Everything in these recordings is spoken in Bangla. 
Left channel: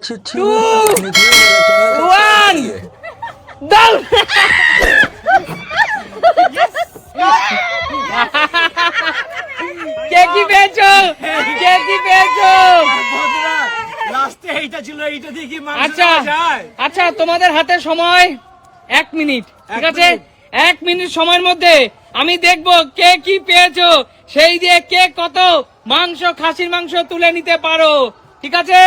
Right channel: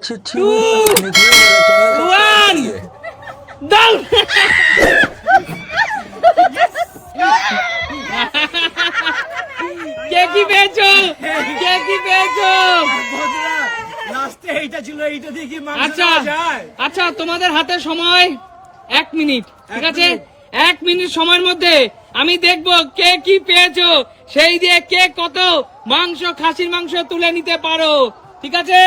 अच्छी अच्छी वीडियो देखने के लिए मेरे चैनल सब्सक्राइब करिए। দাও কে কি পেয়েছো কে কি পেয়েছো লাস্টে এইটা ছিল, এইটা দিয়ে কি মাংস আচ্ছা খাওয়া যায়? আচ্ছা তোমাদের হাতে সময় 1 মিনিট, ঠিক আছে? 1 মিনিট সময়ের মধ্যে আমি দেখবো কে কি পেয়েছো, সেই দিয়ে কে কত মাংস, খাসির মাংস তুলে নিতে পারো, ঠিক আছে?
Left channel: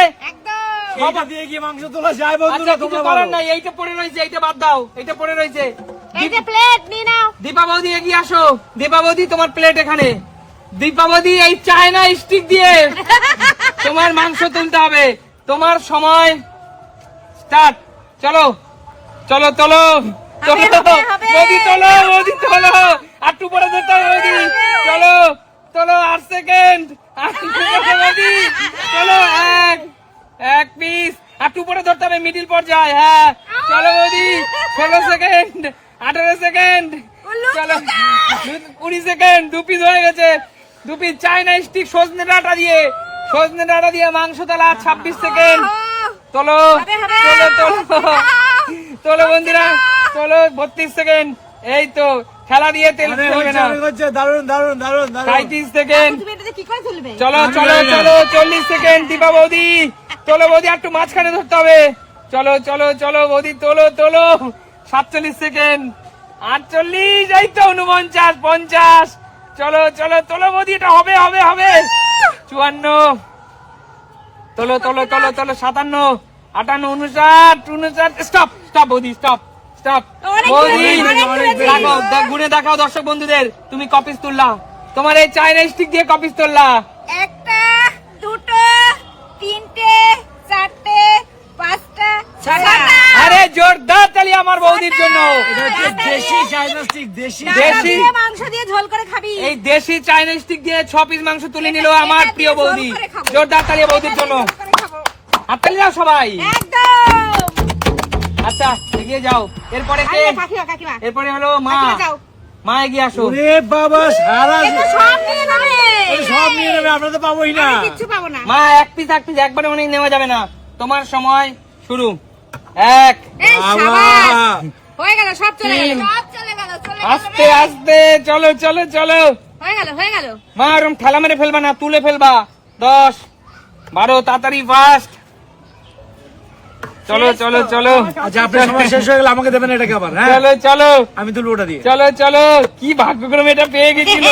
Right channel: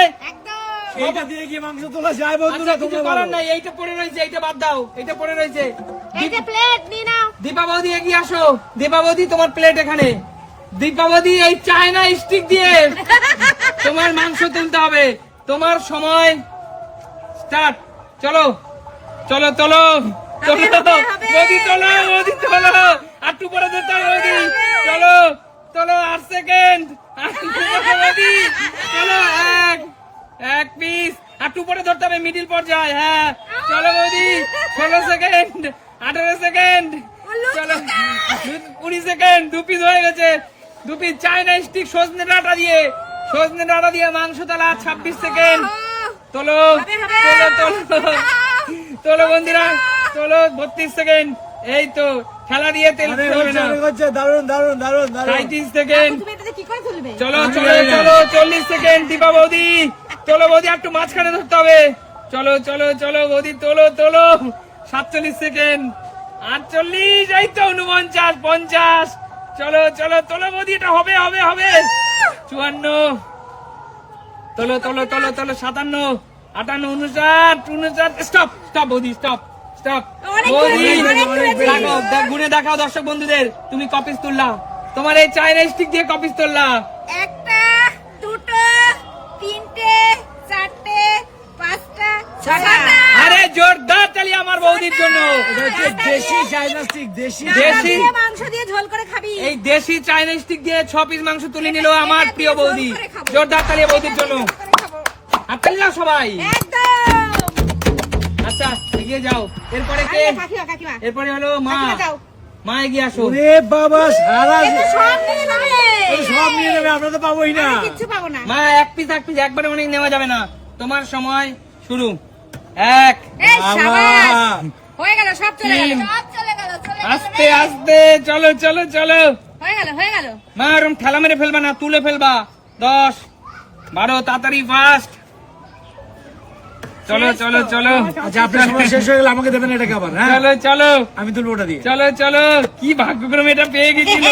এইটা দিয়ে কি মাংস তোলা যায় বন্ধুরা? আচ্ছা, কিছু তোমরা করার বলো। নাই, এইটা পড়ে রয়েছে, এইটা বাদ দাও, এইটা পড়ে রয়েছে। এই যে প্লেট নিয়ে নাও। দীপা বৌদি এগিয়ে আসো, দীপা বৌদি তোমার প্লেট এখানে। দীপা বৌদি এই চায়না স্টিক দিয়ে তোমার মাংস তুলতে হবে। তোমার সময় স্টার্ট। চলো চলো চলো চলো বৌদি, চলো বৌদি, চলো আর একটু পরে ধরতে হবে বৌদি। চলো চলো 8 সেকেন্ড, বৌদি চলো, এক পিস আর একটু পরে ধরতে হবে, মিডিল পর্যায়ে। হ্যাঁ চলো বৌদি, 16 সেকেন্ড, 18 সেকেন্ড, চলো 20 সেকেন্ড, 2 পিস হয়ে গেছে, 2 পিস চায়না স্টিক সজনে ডাঁটা দিয়ে মাংস তোলা। 26 সেকেন্ড, চলো চলো চলো চলো বন্ধুরা, চলো 32 সেকেন্ড, এই তো খেলা দিয়ে তেল অনেক হবে হচ্ছে, না। অনেক হচ্ছে, দারুণ দারুণ দারুণ দারুণ। 37 সেকেন্ড, তুমি এটাতে কি করে তুলবে? চলো আমি চলো জানি না। চলো 40 সেকেন্ড, দীপা বৌদি চলো বৌদি, একটু মাঝখানে ধরতে হবে। চলো চলো চলো বৌদি, তোলো তোলো। 47 সেকেন্ড, 48, এই তো 49, 50, চলো চলো তোলো বৌদি, এটা হবে হবে হবে। 54, তোলো তোলো তোলো তোলো। 57, 58, 59, স্টপ স্টপ বৌদি, স্টপ স্টপ অনেক বৌদি। তুলেছি, অনেক তুলেছি। দেখাও, গুনে দেখাও দর্শক বন্ধুদের, তুমি কপিস তুললা, তোমার এই চায়না স্টিক দিয়ে কপিস তুললা। একটা, দুটো, তিনটে, চারটে, পাঁচটা, ছটা। আরে জোরদার তালি আমার বৌদির জন্য। এটা হচ্ছে দেশি চাইনা স্টিক, দেশি ডাটা দেশি। দিয়ে মাংস দিয়ে ঝোল করে খাবি। এই দেশি চাইনা স্টিক দিয়ে 6 পিস মাংস তুলে নিল আমার এটা প্রিয় দিয়ে বৌদি। ঝোল করে খাবো। জোরদার তালি বৌদির জন্য, ঝোল করে খাবো। হাততালি দাও সবাই। একদম। আচ্ছা এগিয়ে যাও, এরপরে কে? আরে কাকিমা, কাকিমা। এরপরে হলো মা। কাকিমা যাও। মা এগিয়ে আসো। ওরে বাবা, সারা এ তো সব নিয়ে নেবে। ওরে সব নিয়ে নেবে, আমরা তো পাবোই না। আমি কিচ্ছু পাবো না। মা এক পিস একবারে অনেক নেওয়া যাবে না। তোমার সময় শুরু। 1, এই বাবা, সাবাস। হয়ে গেল, সব চলে গেল। তিন। সব চলে গেল, চলে গেল। আস্তে আস্তে চলো চলো চলো। হয়ে গেল, হয়ে গেল। মা ওরম ঠেলা মেরে ফেলবা না, তুলে ফেলবা। 10, 12, তাড়াতাড়ি ফাস্ট। চলো চলো চলো আচ্ছা আপনার সময় শেষ হয়ে গেলে আমাকে দেবেন এটাকে আবার, হ্যাঁ চলো চলো আমি তুলবো ওটা দিয়ে। চলো চলো। কি ভাগ্যক্রমে এটা পেয়ে গেছিল।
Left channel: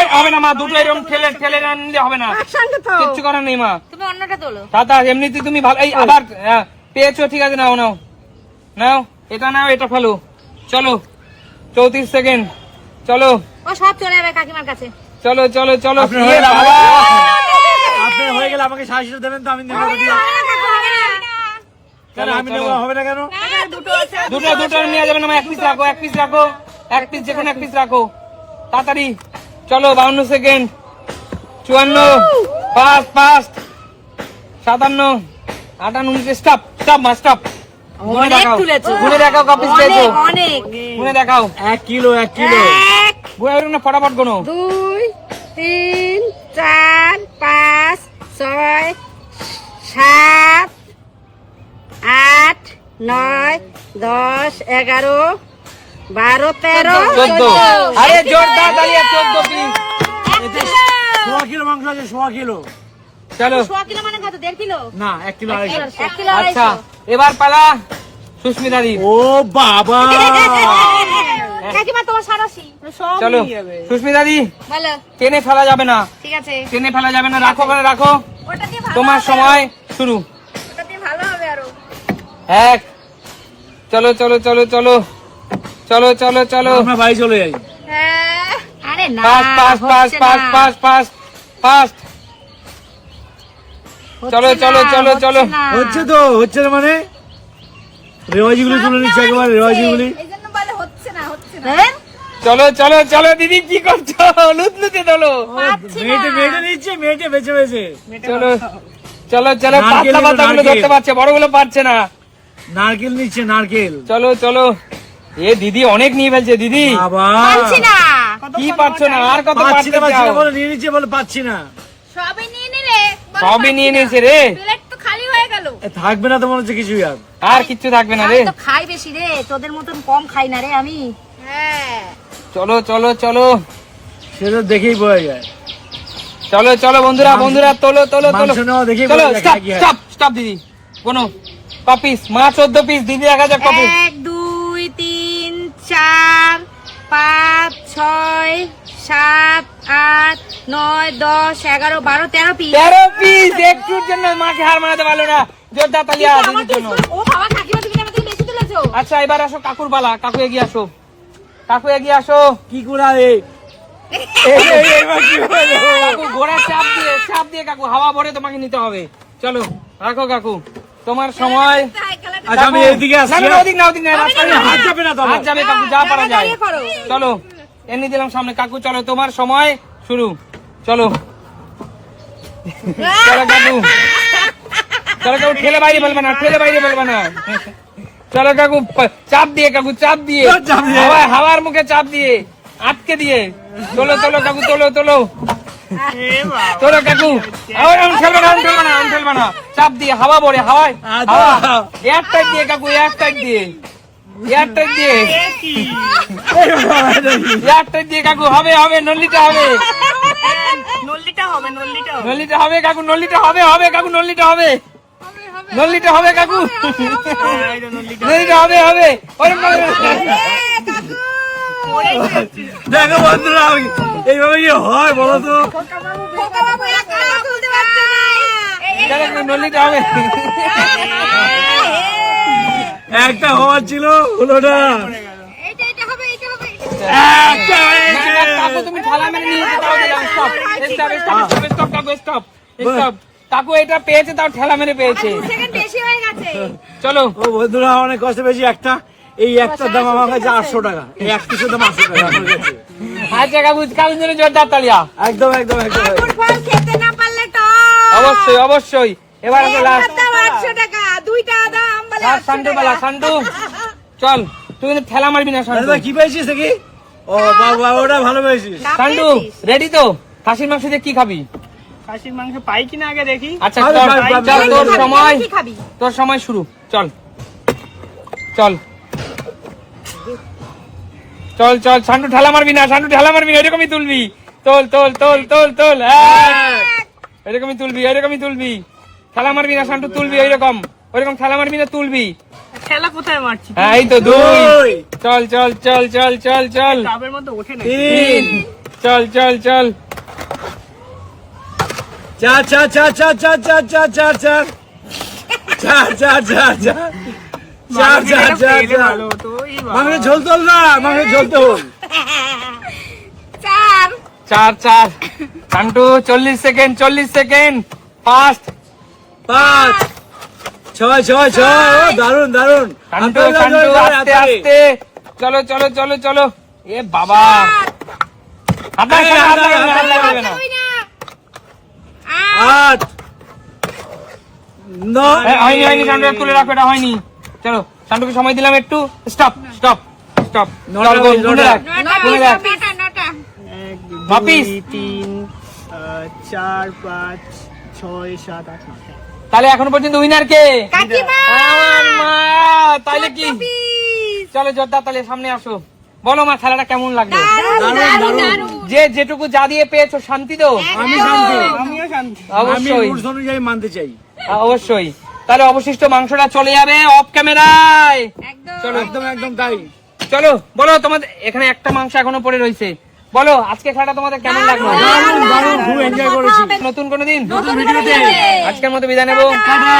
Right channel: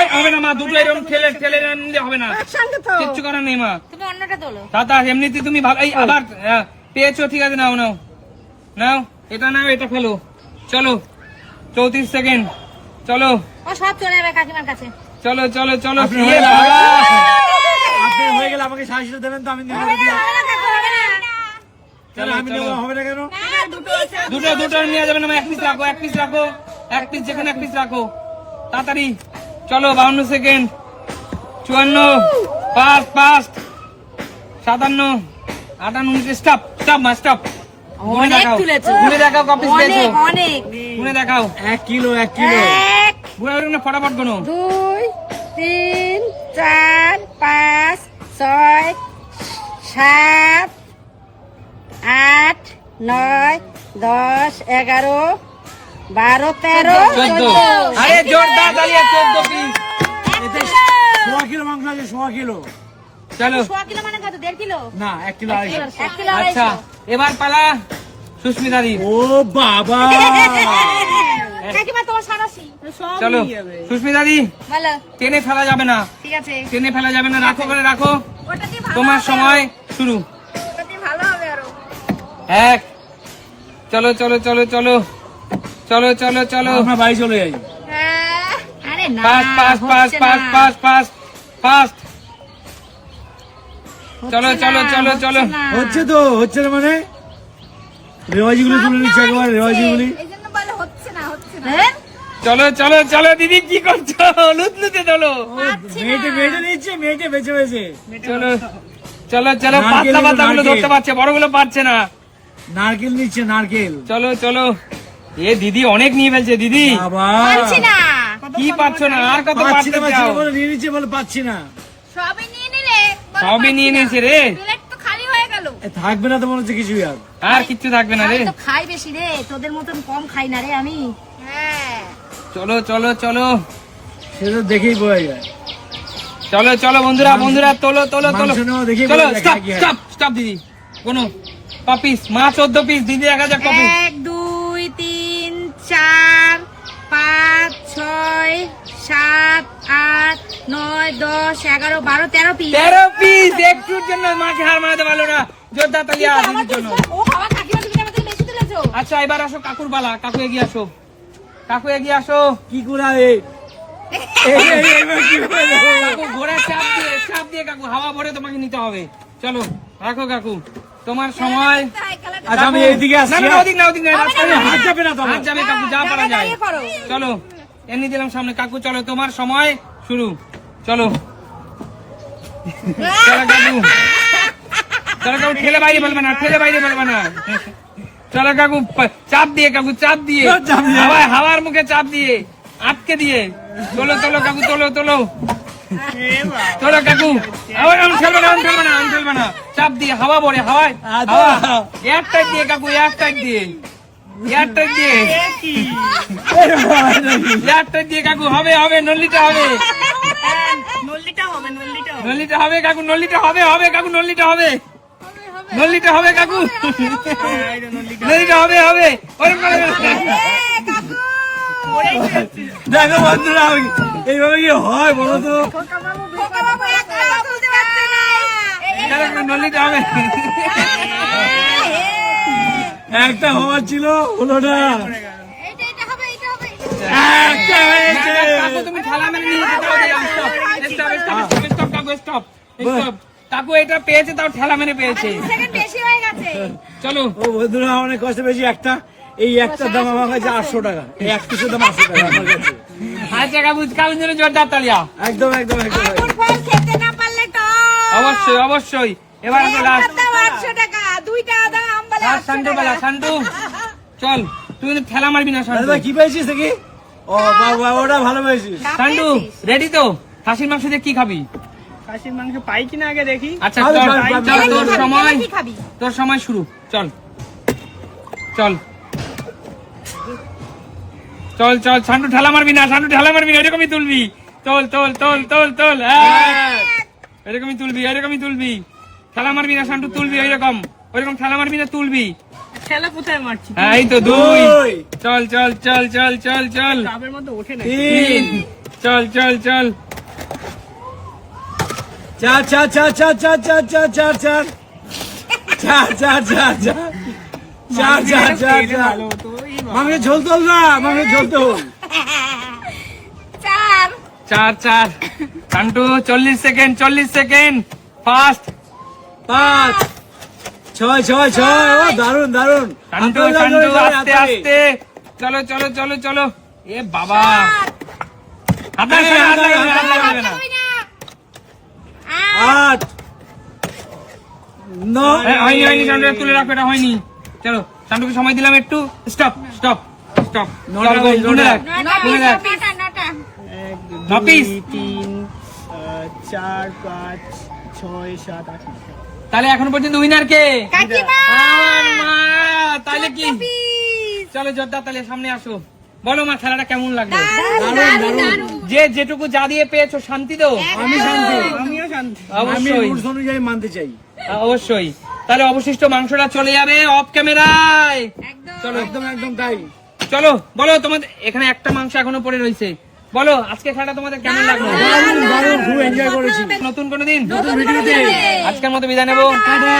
এই, হবে না মা, দুটো এরকম ঠেলে ঠেলে আনলে হবে না, একসঙ্গে তো। কিচ্ছু করার নেই মা। তুমি অন্যটা তোলো। দাদা এমনিতে তুমি ভালো, এই আবার পেয়েছো, ঠিক আছে, নাও নাও নাও, এটা নাও, এটা ফেলো। চলো 34 সেকেন্ড, চলো ও সব চলে যাবে কাকিমার কাছে। চলো চলো চলো। আপনার হয়ে গেলে আপনার হয়ে গেলে আমাকে 60টা দেবেন তো আমি নেবো ওটা দিয়ে। কেন আমি নেবো, হবে না কেন? দুটো আছে। দুটো দুটো নেওয়া যাবে না মা, 1 পিস রাখো, 1 পিস রাখো, 1 পিস, যে কোনো 1 পিস রাখো তাড়াতাড়ি। চলো 52 second, 54, fast fast, 57, 58, stop stop মা, স্টপ। ঘুরে অনেক দেখাও, তুলেছো। ঘুরে দেখাও কপিস পেয়েছো, অনেক, অনেক। ঘুরে দেখাও। 1 কিলো 1 কিলো। 1, ঘুরে বেরোন না, ফটাফট গোনো। 2, 3, 4, 5, 6, 7, 8, 9, 10, 11, 12, 13, 14। আরে জোরদার তালিয়া, 14 পিস। এতে 100 কিলো মাংস আছে, 100 কিলো। চলো 100 কিলো মানে কত? 1.5 কিলো? না 1 কিলো 250। 1 কিলো আচ্ছা এবার পালা সুস্মিতা দি। ও বাবা, কাকিমা তোমার সারাশি। চলো সুস্মিতা দি, বলো। টেনে ফেলা যাবে না, ঠিক আছে। টেনে ফেলা যাবে না, রাখো করে রাখো। ওটা দিয়ে ভালো তোমার হবে। সময় শুরু। ওটা দিয়ে ভালো হবে আরো। 1, চলো চলো চলো চলো চলো চলো চলো। আমরা বাড়ি চলে যাই। হ্যাঁ। আরে না, ফাস্ট ফাস্ট ফাস্ট হচ্ছে ফাস্ট না। Fast fast fast. চলো হচ্ছে চলো না, চলো হচ্ছে চলো। না। হচ্ছে তো, হচ্ছে না মানে রেওয়াজিগুলি তুলে নিচ্ছে একবার, রেওয়াজিগুলি। এইজন্য বলে হচ্ছে না, হচ্ছে না। হ্যাঁ? চলো চলো চলো দিদি, কি করছো? লুতলুতে তোলো। পাচ্ছি না। মেয়েটে মেয়েটে নিচ্ছে, মেয়েটে বেছে বেছে। চলো চলো চলো। নারকেল পাতলা নিলো, পাতাগুলো নারকেল। ধরতে পারছে, বড়গুলো পারছে না। নারকেল নিচ্ছে, নারকেল। চলো চলো। এ দিদি অনেক নিয়ে ফেলছে দিদি। বাবা, পাচ্ছি না। কি পাচ্ছ না, আর কত পাচ্ছি না, পারতে পাচ্ছি না চাও? বলে নিয়ে নিচ্ছে, বলে পাচ্ছি না। সবই নিয়ে নিলে। সবই নিয়ে নিয়েছে রে। প্লেট তো খালি হয়ে গেল। গেল। থাকবে না তো মনে হচ্ছে কিছুই আর। আর কিচ্ছু থাকবে না রে। আমি তো খাই বেশি রে, তোদের মতন কম খাই না রে আমি। হ্যাঁ চলো চলো চলো সে তো দেখেই বোঝা যায়। চলো চলো বন্ধুরা, বন্ধুরা তোলো তোলো তোলো। মাংস নেওয়া দেখেই চলো বোঝা যায় স্টপ কি হয়। স্টপ স্টপ দিদি। কোনো কপিস মা 14 পিস দিদি 1000 কপিস। 1 2 3 4 5 6 7 8 9 10 11 12 13 পিস। 13 পিস একটুর জন্য মাকে হার মানাতে পারলো না। জোরদার তালিয়া দিদির জন্য। ও বাবা, কাকিমা তুমি আমাকে বেশি তুলেছো। আচ্ছা এবার আসো কাকুর বালা। কাকু এগিয়ে আসো, কাকু এগিয়ে আসো। কি করা রে? এবার কি হলো? কাকু ঘোড়া চাপ দিয়ে কাকু হাওয়া ভরে তোমাকে নিতে হবে। চলো রাখো কাকু, তোমার সময়। আচ্ছা আমি এইদিকে না আসছি। না ওদিক না ওদিক না, রাস্তায় না। হাত যাবে না তো আমার। হাত যাবে কাকু, যা পারা যায়। দাঁড়িয়ে করো। চলো এমনি দিলাম সামনে কাকু। চলো তোমার সময় শুরু। চলো চলো কাকু, চলো কাকু, ঠেলে বাইরে ফেলবে না, ঠেলে বাইরে ফেলবে না। চলো কাকু, চাপ দিয়ে কাকু, চাপ দিয়ে চাপ দিয়ে। হাওয়ার মুখে চাপ দিয়ে আটকে দিয়ে। তোলো তোলো কাকু, তোলো তোলো তোলো কাকু। আমি ঠেলবে না, আমি ঠেলবে না, আমি ঠেলবে না। চাপ দিয়ে হাওয়া ভরে, হাওয়ায় এয়ার টাইট দিয়ে কাকু, এয়ার টাইট দিয়ে, এয়ার টাইট দিয়ে, এয়ার টাইট দিয়ে কাকু। হবে হবে, নল্লিটা হবে, নল্লিটা হবে কাকু, নল্লিটা হবে, হবে কাকু, নল্লিটা হবে, নল্লিটা হবে কাকু, নল্লিটা হবে, হবে। দেখো বন্ধুরা এইভাবে কি হয় বলো তো? নল্লিটা হবে। একটা হওয়ার ছিল হলো না। এটা হবে, এটা হবে। একটা হয়েছে। কাকু তুমি ঠেলা মেরে নিয়ে যেতে হবে। স্টপ স্টপ স্টপ স্টপ কাকু, স্টপ স্টপ। কাকু এটা পেয়েছে, তাও ঠেলা মেরে পেয়েছে। সেকেন্ড বেশি হয়ে গেছে। চলো ও বন্ধুরা অনেক কষ্ট পেয়েছি। একটা এই একটার দাম আমার কাছে 800 টাকা। এই এক পিসের দাম 800 টাকা আমার কাছে। আচ্ছা কাকু, কাকুর জন্য জোরদার তালিয়া। একদম একদম একদম ফুটবল খেতে না পারলে তো অবশ্যই অবশ্যই। এবার আসো লাস্ট 800 টাকা, দুইটা দাম বলে লাস্ট সান্ডু বালা। সান্ডু চল, তুই কিন্তু ঠেলা মারবি না আরে সান্ডু। ভাই কি পেয়েছিস দেখি? ও বাবা ওটা ভালো পেয়েছিস। সান্ডু রেডি তো? খাসির মাংস দিয়ে কি খাবি? খাসির মাংস পাই কিনা আগে দেখি। আচ্ছা পাবি, চল, পাবি, চল, পাবি। তোর সময়, কি খাবি? তোর সময় শুরু। চল চল চল চল। সান্ডু ঠেলা মারবি না, সান্ডু ঠেলা মারবি না, এরকমই তুলবি। তোল তোল তোল তোল তোল। এরকমই তুলবি, এরকমই তুলবি। ঠেলা মারবি না সান্ডু, তুলবি ওইরকম, ওইরকম ঠেলা মারবি না, তুলবি। ঠেলা কোথায় মারছি? হ্যাঁ এই তো 2। চল চল চল চল চল চল। কাপের মধ্যে ওঠে না। 3। চল চল চল। 4 4 4 4 4 4 4 4 4 4 4 4 4 4 ভালো হতো। এই বাবা। মাংসের ঝোল তোল না, মাংসের ঝোল তোল। 4 4 4। Santu 40 second, 40 second. ফাস্ট। 5 6 6 6। ও দারুন দারুন। সান্টু সান্টু আস্তে আস্তে। চলো চলো চলো চলো। এ বাবা, হাত লাগবে না, হাত লাগবে না, হাত লাগবে না। 8 9 হয়নি হয়নি সান্টু, তুলে রাখো, এটা হয়নি। চলো সান্টুকে সময় দিলাম একটু। Stop stop stop. নটা, চল, গোল, গুনে রাখ, গুনে রাখ। 9 1 বাপিস। 2 3 4 5 6 7 8 9। তাহলে এখনো পর্যন্ত উইনার কে? কাকিমা আমার মা। তাহলে কি? চলো জোরদার তাহলে সামনে আসো। বলো মা, খেলাটা কেমন লাগলো? দারুন দারুন। যে যেটুকু যা দিয়ে পেয়েছো শান্তি তো? আমি শান্তি। আমিও শান্তি। আমি অবশ্যই রুলস অনুযায়ী মানতে চাই। অবশ্যই। তাহলে অবশিষ্ট মাংসটা চলে যাবে অফ ক্যামেরায়। চলো একদম একদম তাই। চলো বলো, তোমাদের এখানে একটা মাংস এখনো পড়ে রয়েছে। বলো আজকে খেলাটা তোমাদের কেমন লাগলো? দারুন দারুন, খুব এনজয় করেছি। নতুন কোনো দিন নতুন ভিডিওতে আজকের মতো বিদায় নেবো। টাটা।